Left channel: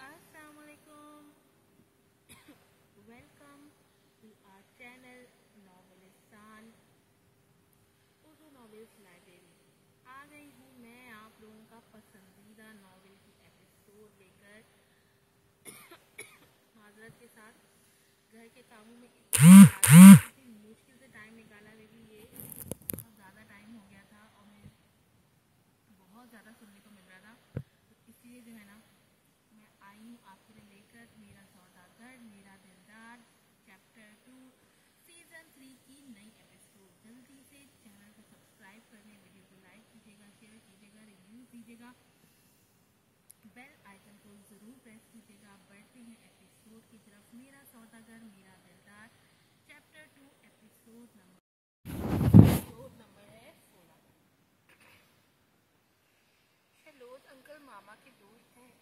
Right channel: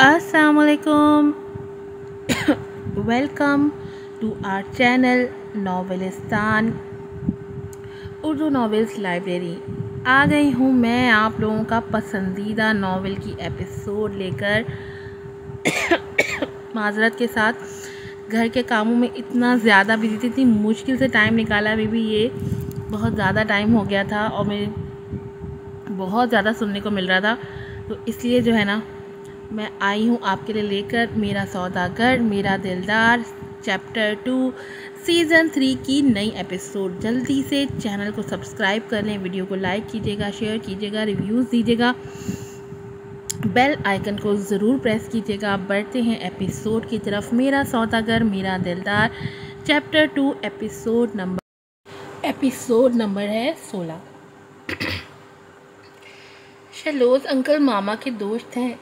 السلام علیکم. Welcome to our channel ناولستان اردو ناولس لائبریری. آ گئی ہوں میں آپ لوگوں کا پسندیدہ ناول کی ایپیسوڈ لے کر. معذرت کے ساتھ گھر کے کاموں میں اتنا زیادہ بزی تھی, مشکل سے ٹائم نکالا. بھی یہ بہت زیادہ ٹائم ہو گیا تھا اور مجھے بہت زیادہ سننے کو مل رہا تھا, تو اس لیے جو ہے نا میں آئی ہوں آپ کے لیے لے کر میرا سوداگر میرا دلدار چیپٹر 2 سیزن 3 کی نئی ایپیسوڈ. جلدی سے چینل کو سبسکرائب کر لیں, ویڈیو کو لائک کیجیے گا, شیئر کیجیے گا, ریویوز دیجیے گا, بیل آئیکن کو ضرور پریس کیجیے گا. بڑھتے ہیں ایپیسوڈ کی طرف. میرا سوداگر میرا دلدار چیپٹر 2 ایپیسوڈ نمبر ہے 16. شہلوز انکل ماما کے دوست ہیں.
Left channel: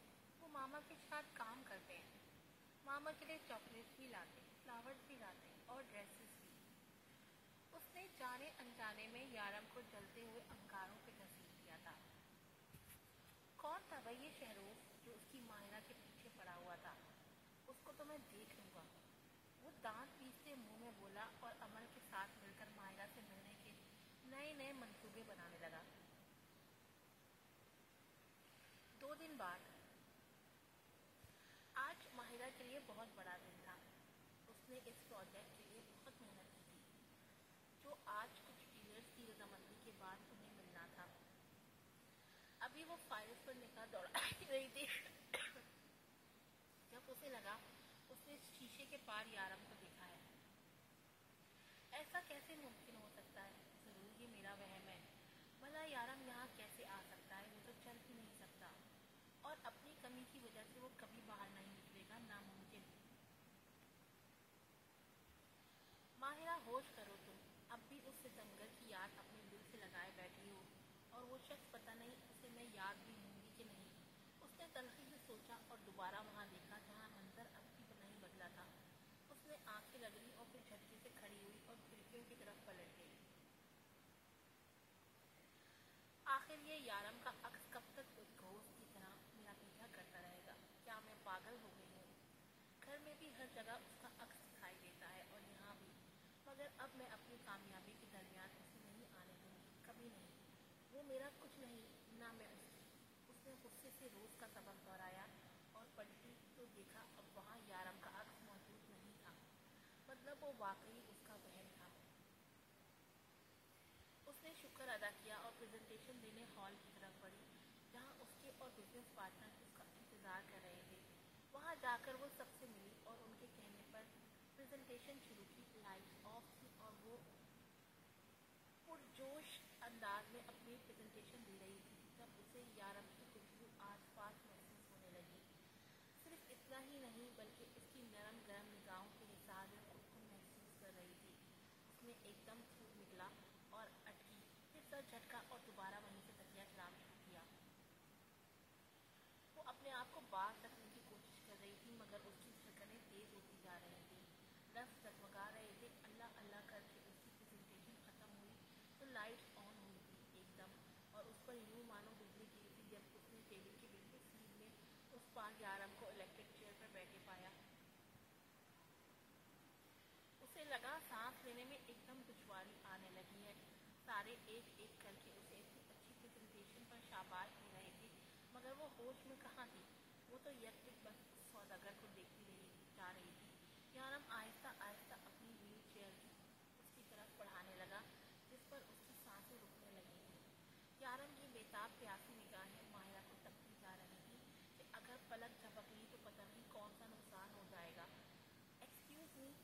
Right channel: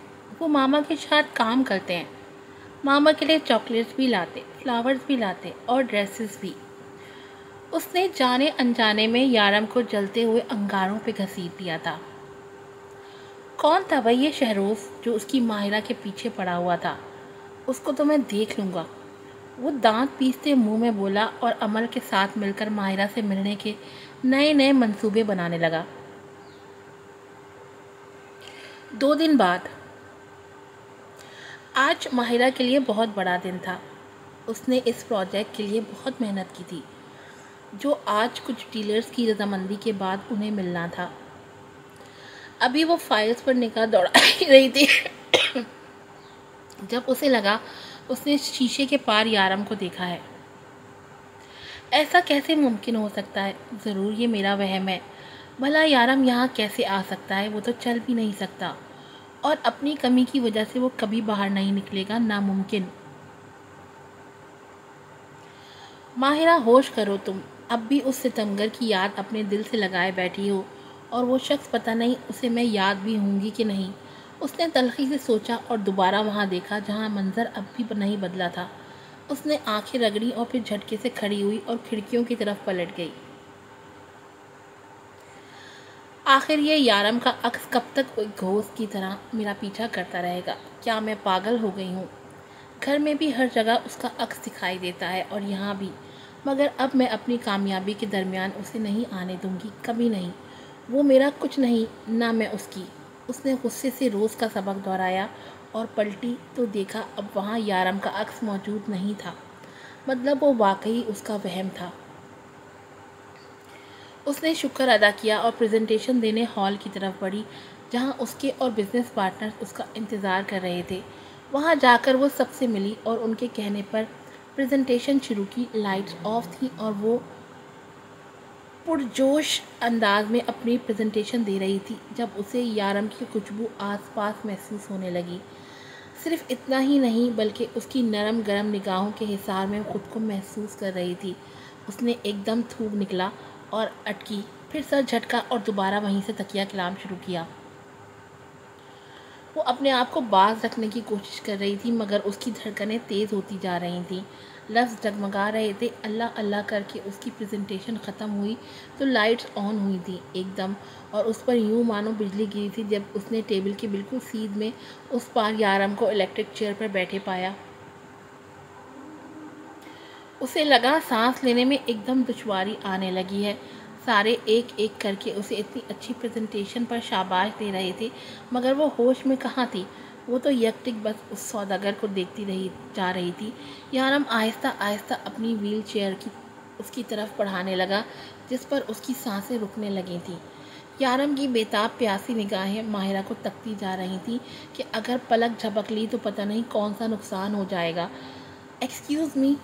وہ ماما کے ساتھ کام کرتے ہیں. ماما کے لیے چاکلیٹس بھی لاتے, فلاورز بھی لاتے اور ڈریسز بھی. اس نے جانے انجانے میں یارم کو جلتے ہوئے انگاروں پہ گھسیٹ دیا تھا. کون تھا بھائی یہ شہروز جو اس کی ماہرہ کے پیچھے پڑا ہوا تھا؟ اس کو تو میں دیکھ لوں گا. وہ دانت پیستے منہ میں بولا اور عمل کے ساتھ مل کر ماہرہ سے ملنے کے نئے منصوبے بنانے لگا. 2 دن بعد. آج ماہرہ کے لیے بہت بڑا دن تھا. اس نے اس پروجیکٹ کے لیے بہت محنت کی تھی جو آج کچھ ڈیلرز کی رضامندی کے بعد انہیں ملنا تھا. ابھی وہ فائلز پر نگاہ دوڑا رہی تھی جب اسے لگا اس نے شیشے کے پار یارم کو دیکھا ہے. ایسا کیسے ممکن ہو سکتا ہے؟ ضرور یہ میرا وہم ہے. بھلا یارم یہاں کیسے آ سکتا ہے؟ وہ تو چل بھی نہیں سکتا اور اپنی کمی کی وجہ سے وہ کبھی باہر نہیں نکلے گا. ناممکن. ماہرہ ہوش کرو, تم اب بھی اس ستمگر کی یاد اپنے دل سے لگائے بیٹھی ہو, اور وہ شخص پتہ نہیں اسے میں یاد بھی ہوں گی کہ نہیں. اس نے تلخی سے سوچا اور دوبارہ وہاں دیکھا جہاں منظر اب بھی نہیں بدلا تھا. اس نے آنکھیں رگڑی اور پھر جھٹکے سے کھڑی ہوئی اور کھڑکیوں کی طرف پلٹ گئی. آخر یہ یارم کا عکس کب تک ایک گھوست کی طرح میرا پیچھا کرتا رہے گا؟ کیا میں پاگل ہو گئی ہوں؟ گھر میں بھی ہر جگہ اس کا عکس دکھائی دیتا ہے اور یہاں بھی, مگر اب میں اپنی کامیابی کے درمیان اسے نہیں آنے دوں گی, کبھی نہیں. وہ میرا کچھ نہیں, نہ میں اس کی. اس نے غصے سے روز کا سبق دہرایا اور پلٹی تو دیکھا اب وہاں یارم کا عکس موجود نہیں تھا. مطلب وہ واقعی اس کا وہم تھا. اس نے شکر ادا کیا اور پریزنٹیشن دینے ہال کی طرف بڑھی جہاں اس کے اور بزنس پارٹنرز اس کا انتظار کر رہے تھے. وہاں جا کر وہ سب سے ملی اور ان کے کہنے پر پریزنٹیشن شروع کی. لائٹس آف تھیں اور وہ پرجوش انداز میں اپنی پریزنٹیشن دے رہی تھی جب اسے یارم کی خوشبو آس پاس محسوس ہونے لگی. صرف اتنا ہی نہیں بلکہ اس کی نرم گرم نگاہوں کے حصار میں خود کو محسوس کر رہی تھی. اس نے ایک دم تھوک نکلا اور اٹکی, پھر سر جھٹکا اور دوبارہ وہیں سے تکیہ کلام شروع کیا. وہ اپنے آپ کو باز رکھنے کی کوشش کر رہی تھی مگر اس کی دھڑکنیں تیز ہوتی جا رہی تھیں, لفظ ڈگمگا رہے تھے. اللہ اللہ کر کے اس کی پریزنٹیشن ختم ہوئی تو لائٹس آن ہوئی تھیں ایک دم, اور اس پر یوں مانو بجلی گری تھی جب اس نے ٹیبل کے بالکل سیدھ میں اس پار یارم کو الیکٹرک چیئر پر بیٹھے پایا. اسے لگا سانس لینے میں ایک دم دشواری آنے لگی ہے. سارے ایک ایک کر کے اسے اتنی اچھی پریزنٹیشن پر شاباش دے رہے تھے مگر وہ ہوش میں کہاں تھی. وہ تو یکٹک بس اس سوداگر کو دیکھتی جا رہی تھی. یارم آہستہ آہستہ اپنی ویل چیئر اس کی طرف بڑھانے لگا جس پر اس کی سانسیں رکنے لگی تھیں. یارم کی بیتاب پیاسی نگاہیں ماہرہ کو تکتی جا رہی تھیں کہ اگر پلک جھپک لی تو پتہ نہیں کون سا نقصان ہو جائے گا. ایکسکیوز می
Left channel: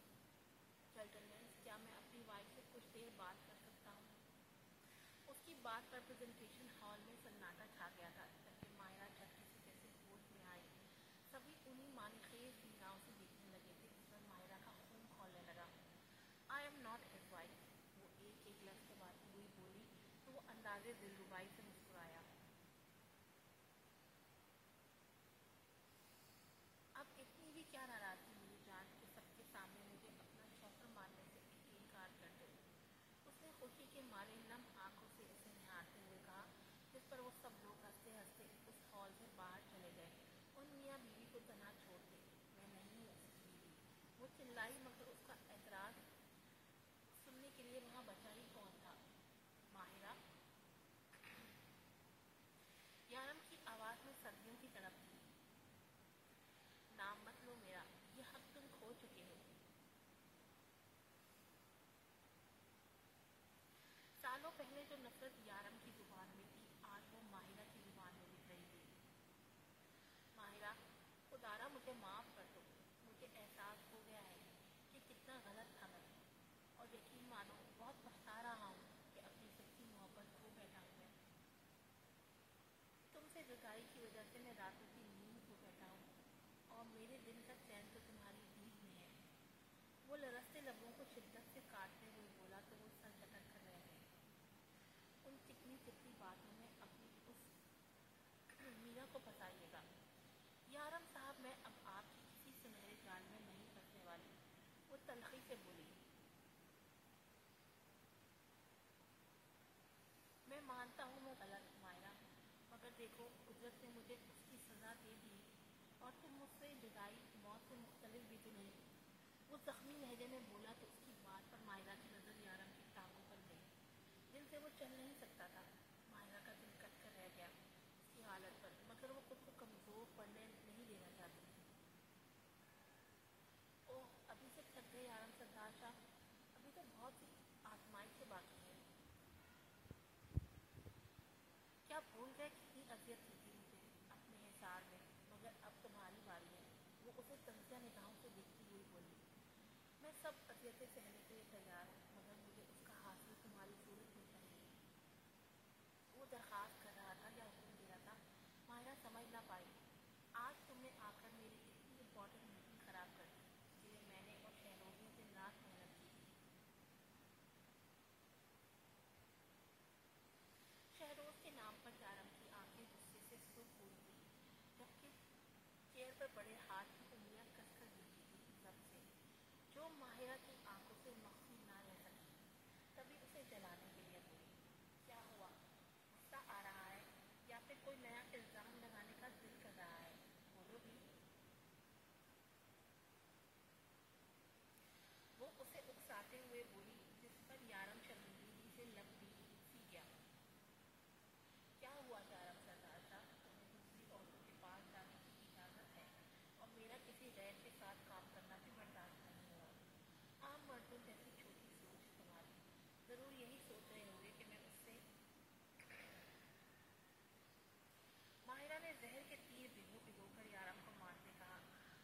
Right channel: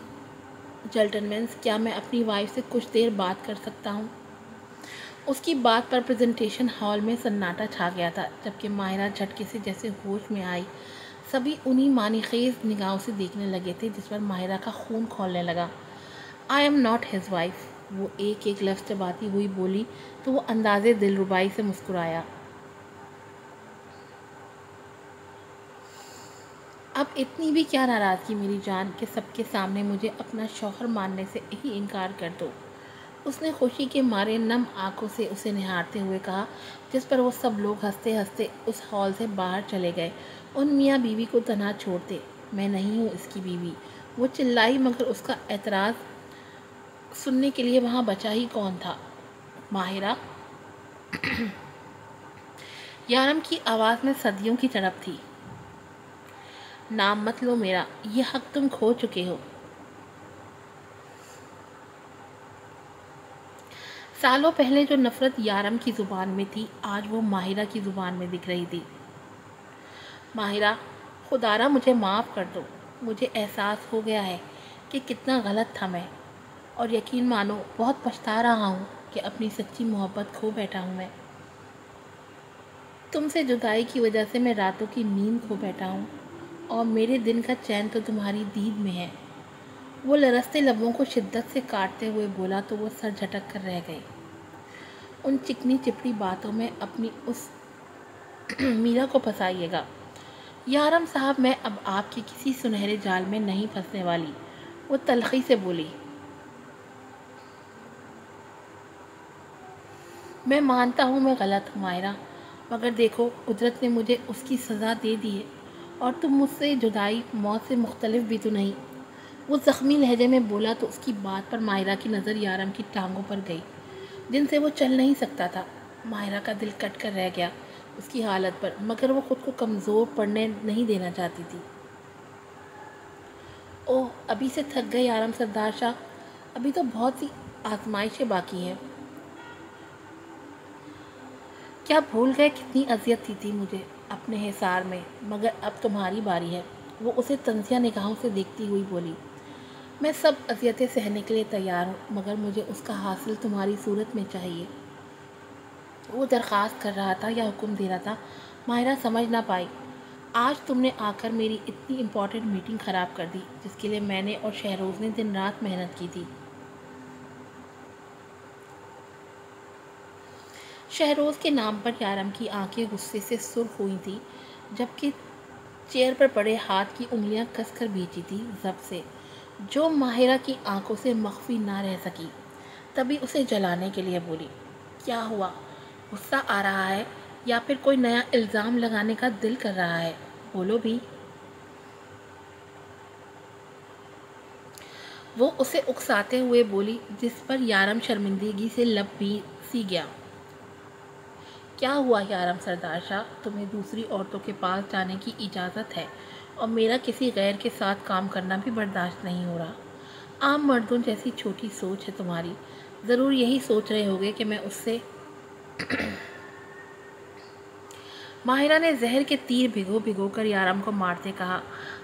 جنٹلمینز, کیا میں اپنی وائف سے کچھ دیر بات کر سکتا ہوں؟ اس کی بات پر پریزنٹیشن ہال میں سناٹا چھا گیا تھا جبکہ ماہرہ جھٹکے سے جیسے ہوش میں آئی. سبھی انہی معنی خیز نگاہوں سے دیکھنے لگے تھے جس پر ماہرہ کا خون کھولنے لگا. I am not his wife, وہ ایک ایک لفظ چباتی ہوئی بولی تو وہ اندازے دلربائی سے مسکرایا. اب اتنی بھی کیا ناراضگی میری جان کہ سب کے سامنے مجھے اپنا شوہر ماننے سے ہی انکار کر دو. اس نے خوشی کے مارے نم آنکھوں سے اسے نہارتے ہوئے کہا جس پر وہ سب لوگ ہنستے ہنستے اس ہال سے باہر چلے گئے ان میاں بیوی کو تنہا چھوڑتے، میں نہیں ہوں اس کی بیوی۔ وہ چلائی مگر اس کا اعتراض سننے کے لیے وہاں بچا ہی کون تھا؟ ماہرہ! یارم کی آواز میں صدیوں کی تڑپ تھی۔ نام مت لو میرا، یہ حق تم کھو چکے ہو۔ سالوں پہلے جو نفرت یارم کی زبان میں تھی، آج وہ ماہرہ کی زبان میں دکھ رہی تھی۔ ماہرہ، خدارا مجھے معاف کر دو۔ مجھے احساس ہو گیا ہے کہ کتنا غلط تھا میں، اور یقین مانو بہت پچھتا رہا ہوں کہ اپنی سچی محبت کھو بیٹھا ہوں میں۔ تم سے جدائی کی وجہ سے میں راتوں کی نیند کھو بیٹھا ہوں، اور میرے دن کا چین تو تمہاری دید میں ہے۔ وہ لرزتے لبوں کو شدت سے کاٹتے ہوئے بولا تو وہ سر جھٹک کر رہ گئی۔ ان چکنی چپڑی باتوں میں اپنی اس میرا کو پھنسائیے گا۔ یارم صاحب، میں اب آپ کے کسی سنہرے جال میں نہیں پھنسنے والی، وہ تلخی سے بولی۔ میں مانتا ہوں میں غلط ہوں ماہرہ، مگر دیکھو قدرت نے مجھے اس کی سزا دے دی ہے، اور تم مجھ سے جدائی موت سے مختلف بھی تو نہیں۔ وہ زخمی لہجے میں بولا تو اس کی بات پر ماہرہ کی نظر یارم کی ٹانگوں پر گئی، جن سے وہ چل نہیں سکتا تھا۔ ماہرہ کا دل کٹ کر رہ گیا اس کی حالت پر، مگر وہ خود کو کمزور پڑنے نہیں دینا چاہتی تھی۔ اوہ، ابھی سے تھک گئے یارم سردار شاہ؟ ابھی تو بہت سی آزمائشیں باقی ہیں۔ کیا بھول گئے کتنی اذیت دی تھی مجھے اپنے حصار میں؟ مگر اب تمہاری باری ہے۔ وہ اسے طنزیہ نگاہوں سے دیکھتی ہوئی بولی۔ میں سب اذیتیں سہنے کے لیے تیار ہوں، مگر مجھے اس کا حاصل تمہاری صورت میں چاہیے۔ وہ درخواست کر رہا تھا یا حکم دے رہا تھا، ماہرہ سمجھ نہ پائی۔ آج تم نے آ کر میری اتنی امپورٹنٹ میٹنگ خراب کر دی، جس کے لیے میں نے اور شہروز نے دن رات محنت کی تھی۔ شہروز کے نام پر یارم کی آنکھیں غصے سے سرخ ہوئی تھیں، جبکہ چیئر پر پڑے ہاتھ کی انگلیاں کس کر بھیجی تھی ضبط سے، جو ماہرہ کی آنکھوں سے مخفی نہ رہ سکی۔ تبھی اسے جلانے کے لیے بولی۔ کیا ہوا؟ غصہ آ رہا ہے یا پھر کوئی نیا الزام لگانے کا دل کر رہا ہے؟ بولو بھی۔ وہ اسے اکساتے ہوئے بولی، جس پر یارم شرمندگی سے لب بھی سی گیا۔ کیا ہوا یارم سردار شاہ؟ تمہیں دوسری عورتوں کے پاس جانے کی اجازت ہے، اور میرا کسی غیر کے ساتھ کام کرنا بھی برداشت نہیں ہو رہا۔ عام مردوں جیسی چھوٹی سوچ ہے تمہاری۔ ضرور یہی سوچ رہے ہوگے کہ میں اس سے ماہرہ نے زہر کے تیر بھگو بھگو کر یارم کو مارتے کہا۔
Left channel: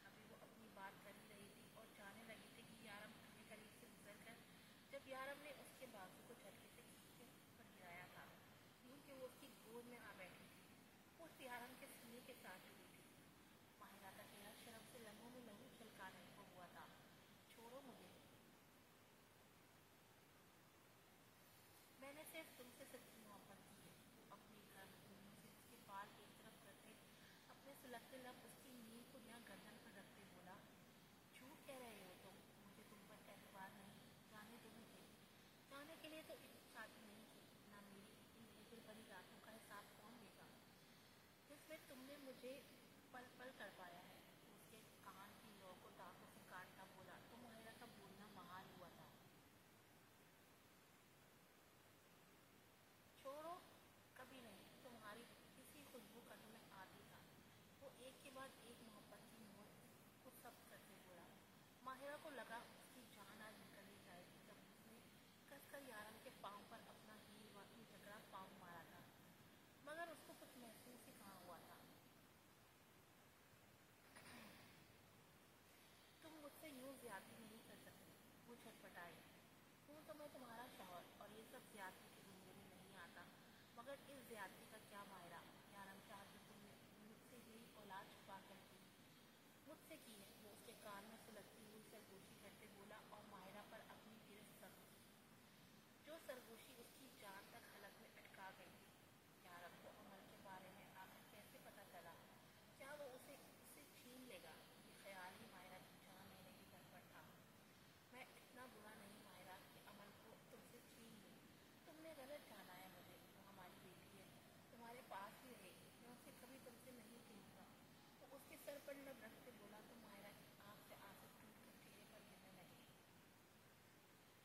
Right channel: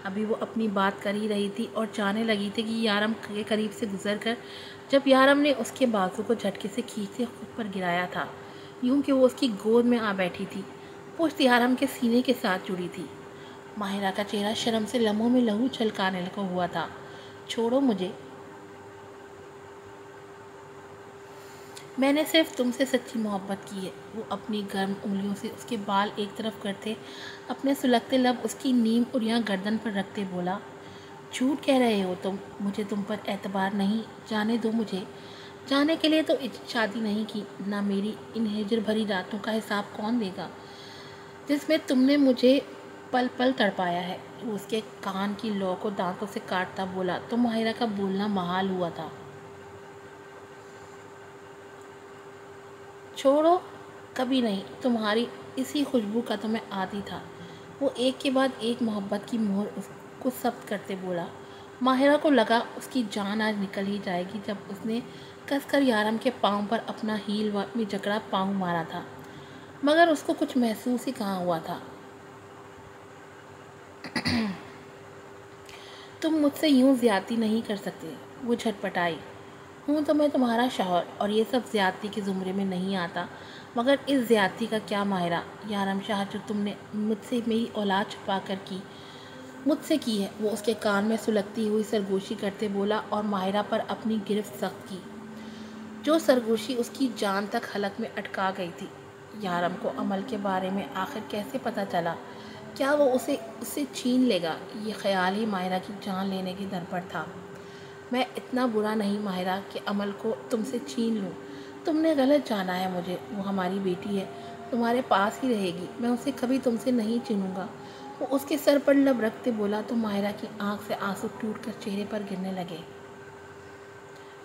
ابھی وہ اپنی بات کر ہی رہی تھی اور جانے لگی تھی کہ یارم کے قریب سے گزر کر جب یارم نے اس کے بازو کو جھٹکے سے کھینچ کے خود پر گرایا تھا، یوں کہ وہ اس کی گود میں آ بیٹھی تھی، پشت یارم کے سینے کے ساتھ جڑی تھی۔ ماہرہ کا چہرہ شرم سے لمحوں میں لہو چھلکانے لگا ہوا تھا۔ چھوڑو مجھے، میں نے صرف تم سے سچی محبت کی ہے۔ وہ اپنی گرم انگلیوں سے اس کے بال ایک طرف کرتے، اپنے سلگتے لب اس کی نیم اڑیاں گردن پر رکھتے بولا۔ جھوٹ کہہ رہے ہو تم، مجھے تم پر اعتبار نہیں۔ جانے دو مجھے۔ جانے کے لیے تو شادی نہیں کی، نہ میری ان ہجر بھری راتوں کا حساب کون دے گا، جس میں تم نے مجھے پل پل تڑپایا ہے۔ وہ اس کے کان کی لو کو دانتوں سے کاٹتا بولا تو ماہرہ کا بولنا محال ہوا تھا۔ چھوڑو، کبھی نہیں۔ تمہاری اسی خوشبو کا تو میں عادی تھا۔ وہ ایک کے بعد ایک محبت کی مہر اس کو ثبت کرتے بولا۔ ماہرہ کو لگا اس کی جان آج نکل ہی جائے گی، جب اس نے کس کر یارم کے پاؤں پر اپنا ہیل میں جکڑا پاؤں مارا تھا، مگر اس کو کچھ محسوس ہی کہاں ہوا تھا۔ تم مجھ سے یوں زیادتی نہیں کر سکتے، وہ جھٹپٹائی۔ ہوں تو میں تمہارا شوہر، اور یہ سب زیادتی کے زمرے میں نہیں آتا، مگر اس زیادتی کا کیا ماہرہ؟ یارم شاہ، جو تم نے مجھ سے میری اولاد چھپا کر مجھ سے کی ہے۔ وہ اس کے کان میں سلگتی ہوئی سرگوشی کرتے بولا اور ماہرہ پر اپنی گرفت سخت کی، جو سرگوشی اس کی جان تک حلق میں اٹکا گئی تھی۔ یارم کو عمل کے بارے میں آخر کیسے پتہ چلا؟ کیا وہ اسے چھین لے گا؟ یہ خیال ہی ماہرہ کی جان لینے کے در پر تھا۔ میں اتنا برا نہیں ماہرہ کہ عمل کو تم سے چھین لوں۔ تم نے غلط جانا ہے مجھے۔ وہ ہماری بیٹی ہے، تمہارے پاس ہی رہے گی، میں اسے کبھی تم سے نہیں چھینوں گا۔ وہ اس کے سر پر لب رکھتے بولا تو ماہرہ کی آنکھ سے آنسو ٹوٹ کر چہرے پر گرنے لگے۔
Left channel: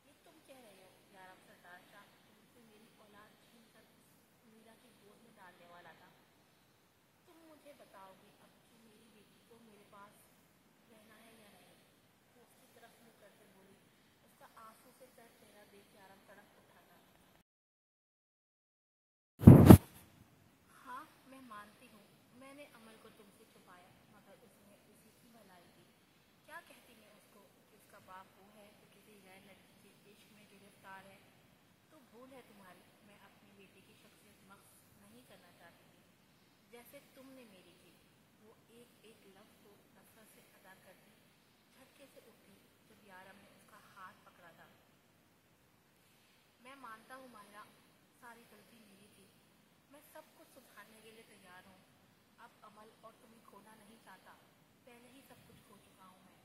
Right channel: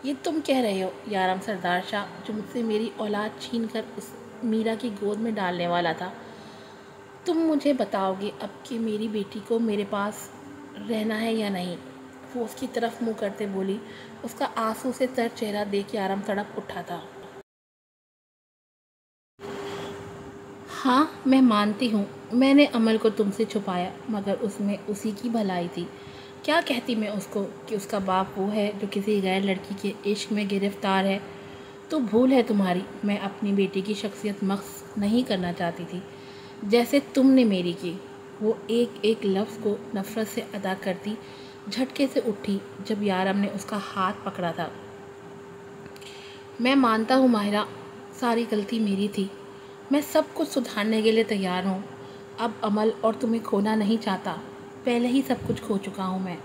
یہ تم کہہ رہے ہو یارم سردار شاہ، جو مجھ سے میری اولاد چھین کر اس میرا کی گود میں ڈالنے والا تھا؟ تم مجھے بتاؤ گے اب کہ میری بیٹی کو میرے پاس رہنا ہے یا نہیں؟ وہ اس کی طرف منہ کرتے بولی۔ اس کا آنسو سے تر چہرہ دیکھ یارم تڑپ اٹھا تھا۔ ہاں میں مانتی ہوں میں نے عمل کو تم سے چھپایا، مگر اس میں اسی کی بھلائی تھی۔ کیا کہتی میں اس کو کہ اس کا باپ وہ ہے جو کسی غیر لڑکی کے عشق میں گرفتار ہے؟ تو بھول ہے تمہاری، میں اپنی بیٹی کی شخصیت مخص نہیں کرنا چاہتی تھی جیسے تم نے میری کی۔ وہ ایک ایک لفظ کو نفرت سے ادا کرتی جھٹکے سے اٹھی جب یارم نے اس کا ہاتھ پکڑا تھا۔ میں مانتا ہوں ماہرہ، ساری غلطی میری تھی، میں سب کچھ سدھارنے کے لیے تیار ہوں۔ اب عمل اور تمہیں کھونا نہیں چاہتا، پہلے ہی سب کچھ کھو چکا ہوں میں۔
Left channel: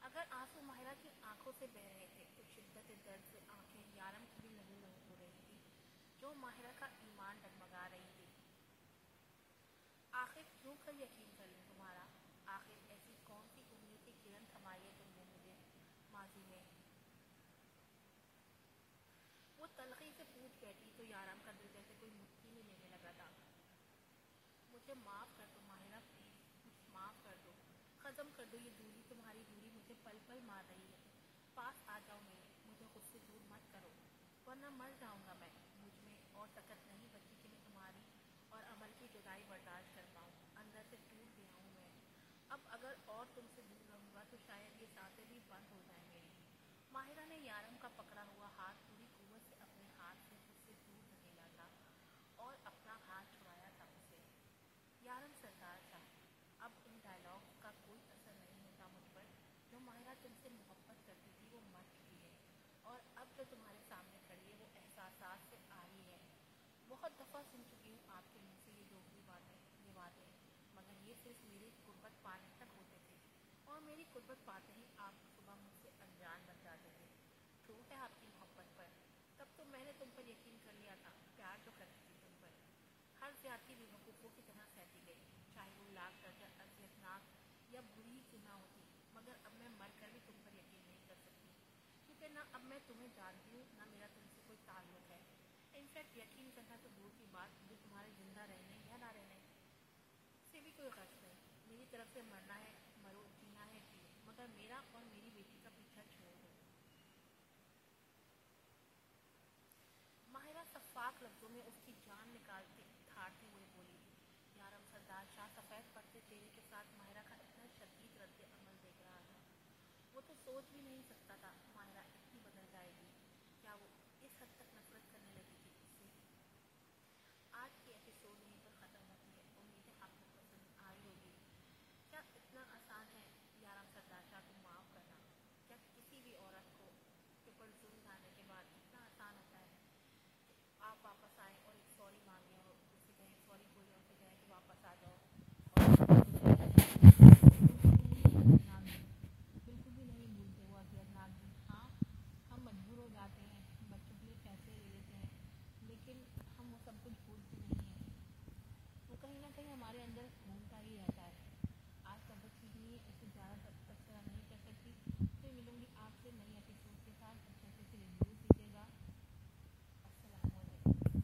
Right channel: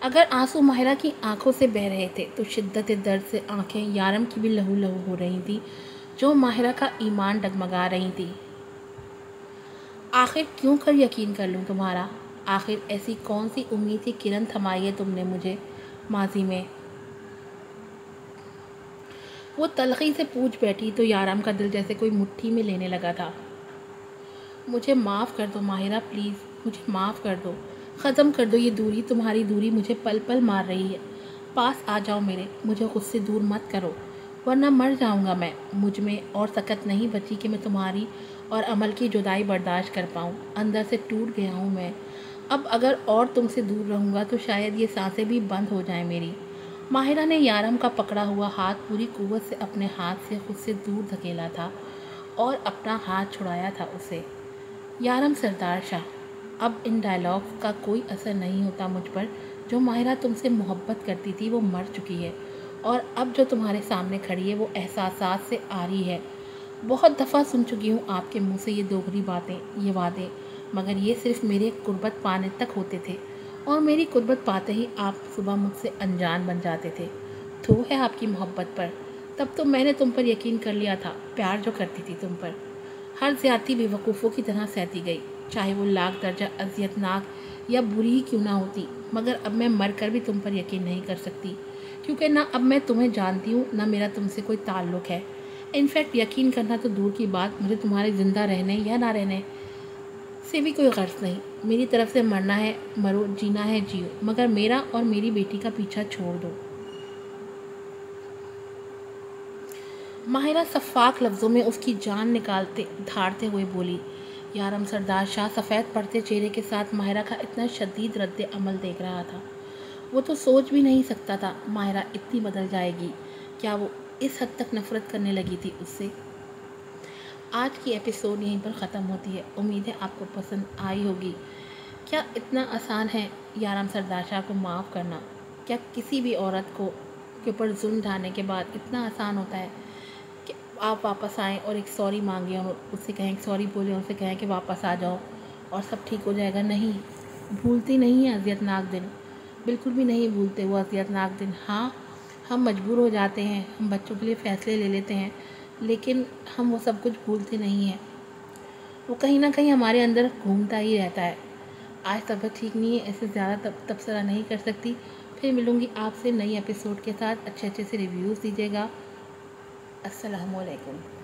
اگر آنسو ماہرہ کی آنکھوں سے بہہ رہے تھے تو شدت درد سے آنکھیں یارم کی بھی لہو لہو ہو رہی تھی، جو ماہرہ کا ایمان ڈگمگا رہی تھی۔ آخر کیوں کر یقین کر لوں تمہارا؟ آخر ایسی کون سی امید کی کرن تھمائی ہے تم نے مجھے ماضی میں؟ وہ تلخی سے پوچھ بیٹھی تو یارم کا دل جیسے کوئی مٹھی میں لینے لگا تھا۔ مجھے معاف کر دو ماہرہ، پلیز مجھے معاف کر دو، ختم کر دو یہ دوری، تمہاری دوری مجھے پل پل مار رہی ہے۔ پاس آ جاؤ میرے، مجھے خود سے دور مت کرو، ورنہ مر جاؤں گا میں۔ مجھ میں اور سکت نہیں بچی کہ میں تمہاری اور عمل کی جدائی برداشت کر پاؤں، اندر سے ٹوٹ گیا ہوں میں۔ اب اگر اور تم سے دور رہوں گا تو شاید یہ سانسیں بھی بند ہو جائیں میری۔ ماہرہ نے یارم کا پکڑا ہوا ہاتھ پوری قوت سے اپنے ہاتھ سے خود سے دور دھکیلا تھا اور اپنا ہاتھ چھڑایا تھا اسے۔ یارم سردار شاہ، اب ان ڈائلاگز کا کوئی اثر نہیں ہوتا مجھ پر۔ جو ماہرہ تم سے محبت کرتی تھی وہ مر چکی ہے، اور اب جو تمہارے سامنے کھڑی ہے وہ احساسات سے آری ہے۔ بہت دفعہ سن چکی ہوں آپ کے منہ سے یہ دوغلی باتیں، یہ وعدے، مگر یہ صرف میرے قربت پانے تک ہوتے تھے، اور میری قربت پاتے ہی آپ صبح مجھ سے انجان بن جاتے تھے۔ تھو ہے آپ کی محبت پر، تب تو میں نے تم پر یقین کر لیا تھا۔ پیار جو کرتی تھی تم پر، ہر زیادتی بے وقوفوں کی طرح سہتی گئی، چاہے وہ لاکھ درجہ اذیت ناک یا بری ہی کیوں نہ ہوتی۔ مگر اب میں مر کر بھی تم پر یقین نہیں کر سکتی، کیونکہ نہ اب میں تمہیں جانتی ہوں، نہ میرا تم سے کوئی تعلق ہے۔ انفیکٹ یقین کرنا تو دور کی بات، مجھے تمہارے زندہ رہنے یا نہ رہنے سے بھی کوئی غرض نہیں۔ میری طرف سے مرنا ہے مرو، جینا ہے جیو، مگر میرا اور میری بیٹی کا پیچھا چھوڑ دو۔ ماہرہ شفاف لفظوں میں اس کی جان نکالتے دھاڑتے ہوئے بولی۔ یارم سردار شاہ سفید پڑتے چہرے کے ساتھ ماہرہ کا اتنا شدید رد عمل دیکھ رہا تھا۔ وہ تو سوچ بھی نہیں سکتا تھا ماہرہ اتنی بدل جائے گی۔ کیا وہ اس حد تک نفرت کرنے لگی تھی اس سے؟ آج کی ایپیسوڈ یہیں پر ختم ہوتی ہے۔ امید ہے آپ کو پسند آئی ہوگی۔ کیا اتنا آسان ہے یارم سردار شاہ کو معاف کرنا؟ کیا کسی بھی عورت کو کے اوپر ظلم ڈھانے کے بعد اتنا آسان ہوتا ہے کہ آپ واپس آئیں اور ایک سوری مانگیں اور اس سے کہیں سوری بولیں، ان سے کہیں کہ واپس آ جاؤ اور سب ٹھیک ہو جائے گا؟ نہیں، بھولتی نہیں ہیں اذیت ناک دن، بالکل بھی نہیں بھولتے وہ اذیت ناک دن۔ ہاں ہم مجبور ہو جاتے ہیں، ہم بچوں کے لیے فیصلے لے لیتے ہیں، لیکن ہم وہ سب کچھ بھولتے نہیں ہیں، وہ کہیں نہ کہیں ہمارے اندر گھومتا ہی رہتا ہے۔ آج طبیعت ٹھیک نہیں ہے، ایسے زیادہ تبصرہ نہیں کر سکتی۔ پھر ملوں گی آپ سے نئی ایپیسوڈ کے ساتھ۔ اچھے سے ریویوز دیجیے گا۔ السلام علیکم۔